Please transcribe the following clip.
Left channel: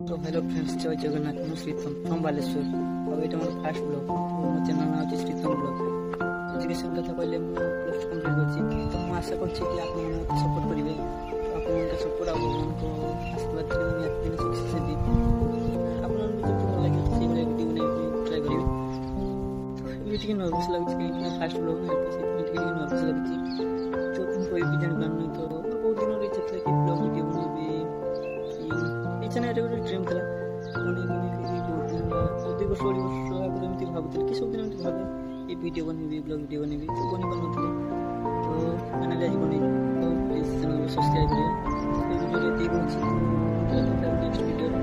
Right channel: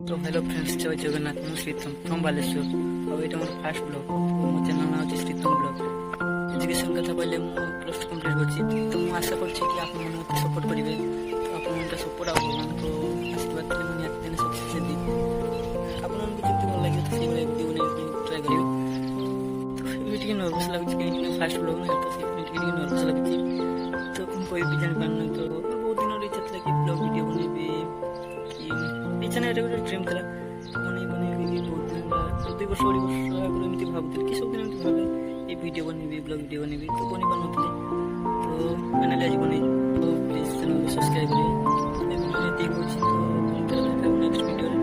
तो hello friends, जय जगन्नाथ। ମୁଁ ଶ୍ରୀତମ ଫ୍ରମ୍ ବାଲେଶ୍ୱର। ଆଉ ଏଇଟା ମୋର ଫାର୍ଷ୍ଟ ବ୍ଲଗ୍। ମୋ ଚ୍ୟାନେଲ୍ ନାଁ ହେଉଛି ଶ୍ରୀତମ ବ୍ଲଗ୍। ଏଜୁକେସନ୍ କଥା କହିଲେ ମୁଁ +2 କମ୍ପ୍ଲିଟ୍ କରିଛି। ତ ମୁଁ ଆଶା କରୁଛି କି ଆପଣମାନେ ମୋତେ ସପୋର୍ଟ କରିବେ। ତ ଆପଣମାନଙ୍କ ସପୋର୍ଟ ଆଉ ଭଗବାନଙ୍କ ଆଶୀର୍ବାଦ ଥିଲେ ମୁଁ ନିହାତି ଦିନେ ସକ୍ସେସ୍ ହେବି। ଆପଣମାନଙ୍କୁ ଯେମିତି ଭଲ ଲାଗିବ ତ ସେଇଭଳିଆ ଭିଡ଼ିଓ ବନେଇବା ପାଇଁ ଟ୍ରାଏ କରିବେ। ତ ଏବେ ଟିକେ ନର୍ଭସ୍ ଲାଗୁଛି କାହିଁକିନା ଫାର୍ଷ୍ଟ ବ୍ଲଗ୍ ନା, ତ ସେଥିପାଇଁ ଟିକେ ନର୍ଭସ୍ ଲାଗୁଛି। ତ କ'ଣ କହିବି ଜାଣିପାରୁନି। ତ ବହୁତ ଦିନର ଇଚ୍ଛା ଥିଲା କି ବ୍ଲଗ୍ ଭିଡ଼ିଓ ବନେଇବି, କି ଇଚ୍ଛା ନାହିଁ, ଏଇଟା ଗୋଟେ ଡ୍ରିମ୍ ଥିଲା। ବନେଇବି ବହୁତ ଦିନ 2 ବର୍ଷ 2 ବର୍ଷ ଆଗରୁ ଏମିତି ଭାବୁଥିଲି କି ସବୁଦିନ ଏମିତି ଭାବେ ଏ ଭିଡ଼ିଓ ବନେଇବି, ବ୍ଲଗ୍ ଭିଡ଼ିଓ ବନେଇବି, ତ ବନେଇ ପାରୁନଥିଲି। ତ ଫାଇନାଲି ଆଜି ବନେଇଛି। ତ ପ୍ଲିଜ୍ ଚ୍ୟାନେଲକୁ ସବସ୍କ୍ରାଇବ୍ କରିବେ। ଏ ଭିଡ଼ିଓରେ ଏତିକି କହୁଛି। ତ ଦେଖାହେବ ନେକ୍ସଟ ଭିଡ଼ିଓରେ।